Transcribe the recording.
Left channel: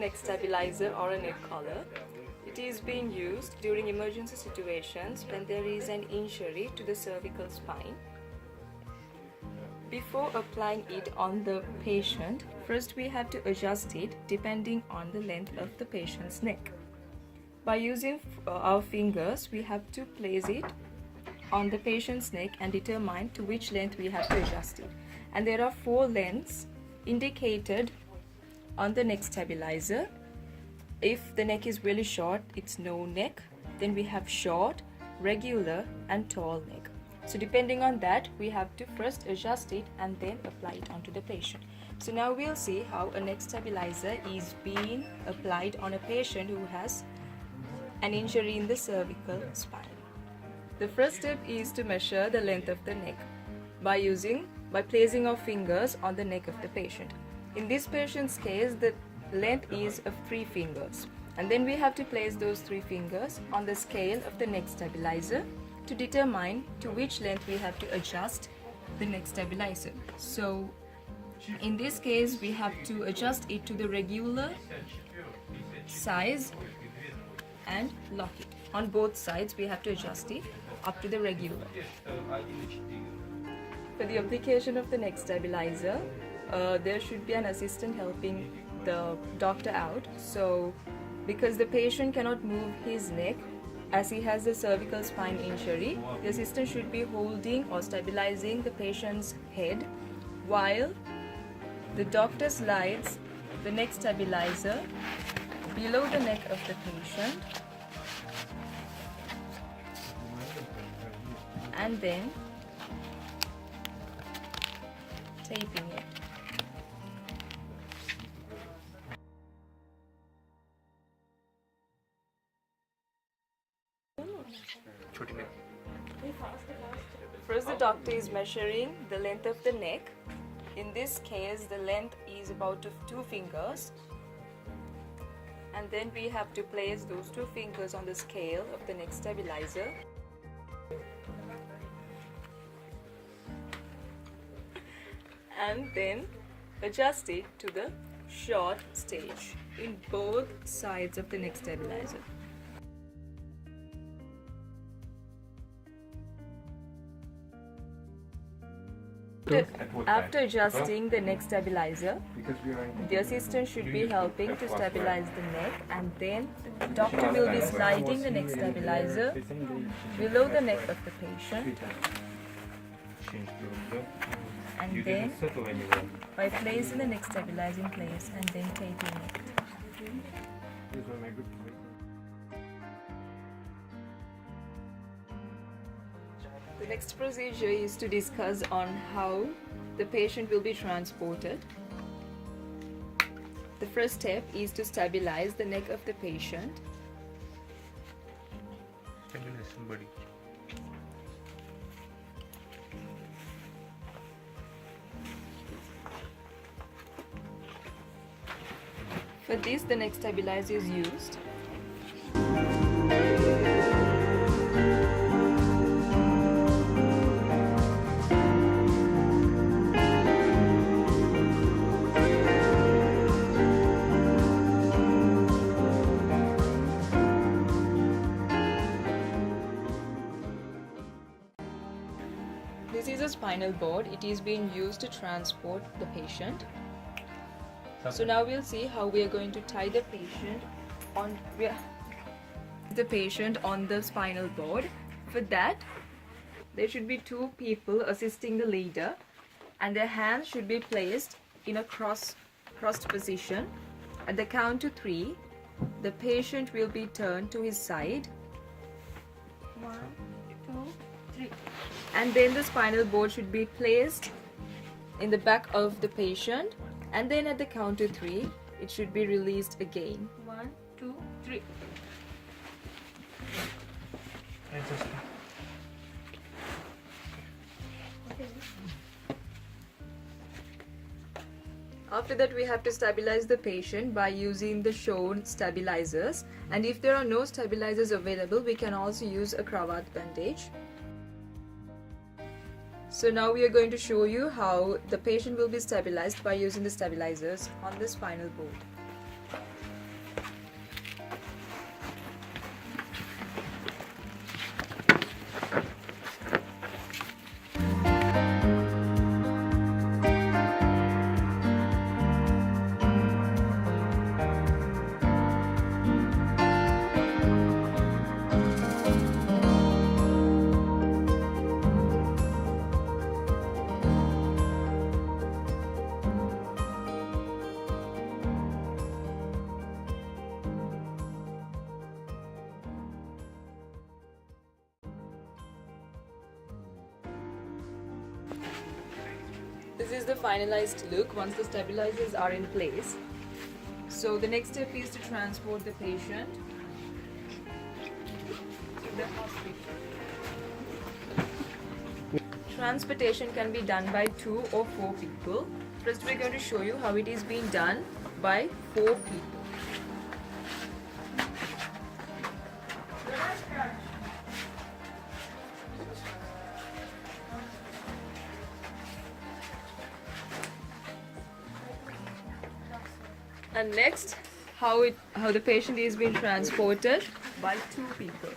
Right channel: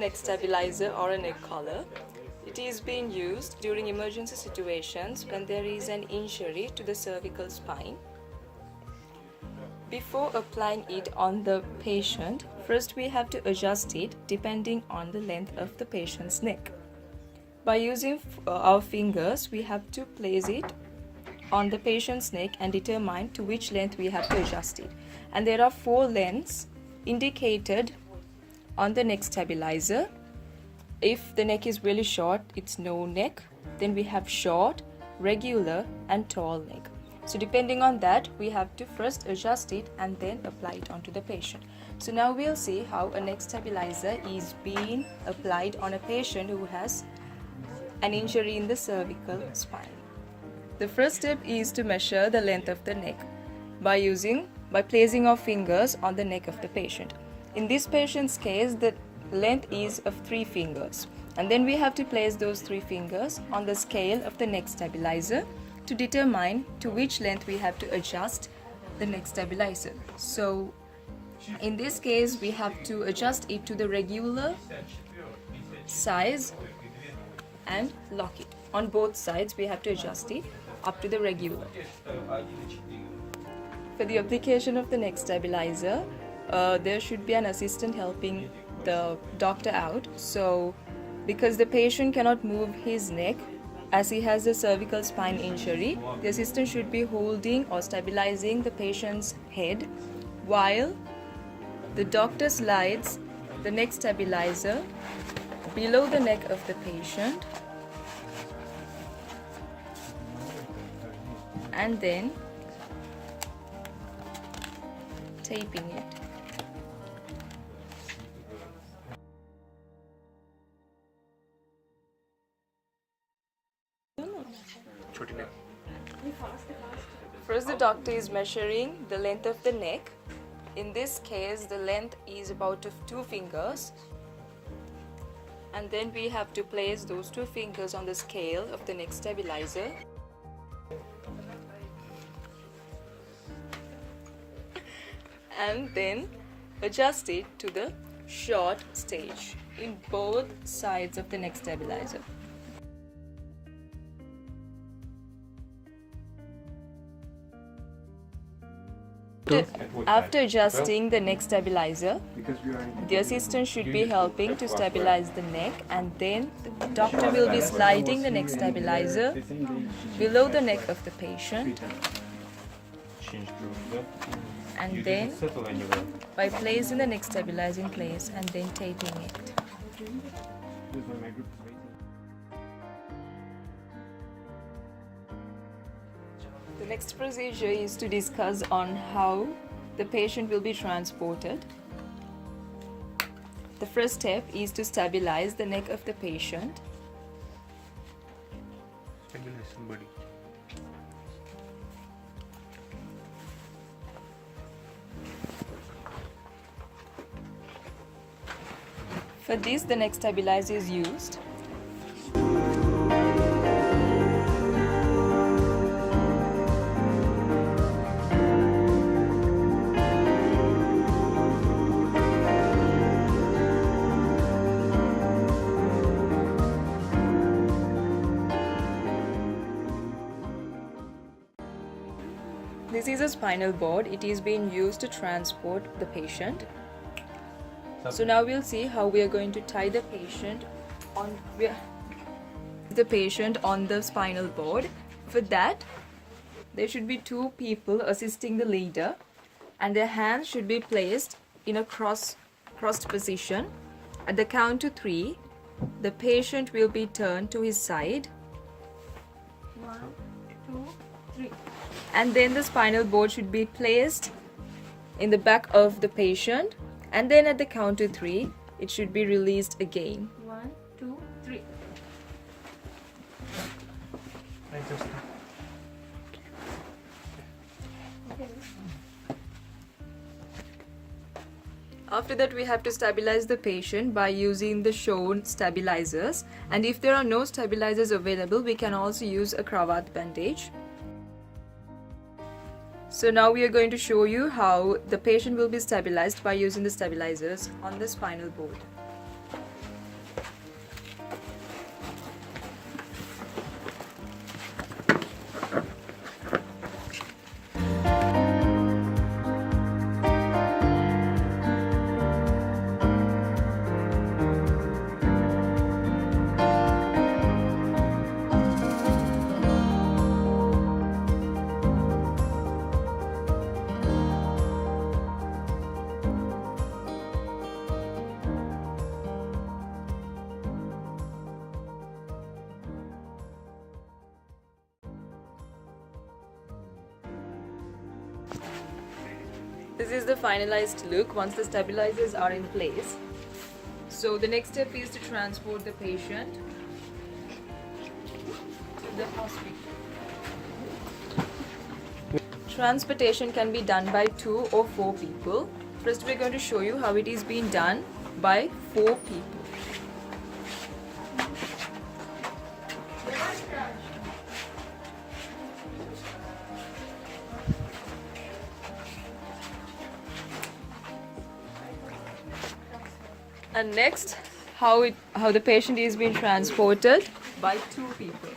neck stabilizer or a neck collar. It is being used during emergency situations when there is an injury to the cervical spine. Before applying it on the patient, first we have to adjust it depending on the length of the patient's neck. By using our fingers, we have to place it on the patient's neck and determine to which length we have to adjust it. And there are 4 lengths indicated on the neck stabilizer. If the neck is really short, it's no neck. Then we have short, regular and tall neck. So depending on that, we have to first adjust it and then apply it onto the patient. So now we'll see how a neck stabilizer is being applied on a patient who has an injury in the cervical spine. The first step is to measure the length of the neck by placing our fingers on the neck of the patient. In this patient's case, the length is of 3 fingers, and then we have to place those 3 fingers on the scale of the neck stabilizer to determine to which length we have to adjust the neck stabilizer. So in this case, we have to adjust it to the regular size and lock it. On both sides, we have to adjust it up to the regular. For the application of the neck stabilizer, there should be an assistant helping the doctor out. So because the patient cannot move his neck as he has a cervical spine injury, the assistant should be holding or stabilizing the patient's head while the doctor slides the neck stabilizer below the neck of the patient and then taping it. First, the doctor is measuring the length of the neck. In this case, the length is about of 2 fingers. And then we have to place those 2 fingers on the scale of the neck stabilizer. And then adjust it to the short stage in both sides of the neck stabilizer. After adjusting the neck stabilizer, the assistant should be helping to stabilize the neck, and then the doctor will be sliding the neck stabilizer below the neck of the patient, and then by placing the neck stabilizer in place and then taping it. The next procedure is to discuss on how the patient will be transported. The first step is to stabilize the neck of the patient. Stabilize somebody. For this, the neck stabilizer is used. This is a spinal board. It is being used to transport the patient. So now we'll see how we are going to tie the patient on the spinal board. For that, there should be 2 people assisting the leader, and their hands should be placed in a crossed position. At the count to 3, the patient will be turned to his side. 1, 2, 3. And then the spinal board should be placed in the back of the patient, and then at the count to 3, it should be released again. 1, 2, 3. After that, we have to stabilize the patient by using the shown stabilizers, and if there are no stabilizers available, we can also use a cravat bandage. So now we are going to show you how the patient will be stabilized by using the stabilizers on the spinal board. This is the finalized look once the stabilizers are in place. So the next step is to transport the patient to the hospital. Transportation can be done by 2 or 4 people. First we're going to show you how it is being done by 4 people. And next, how the patient is being transported by 2 people.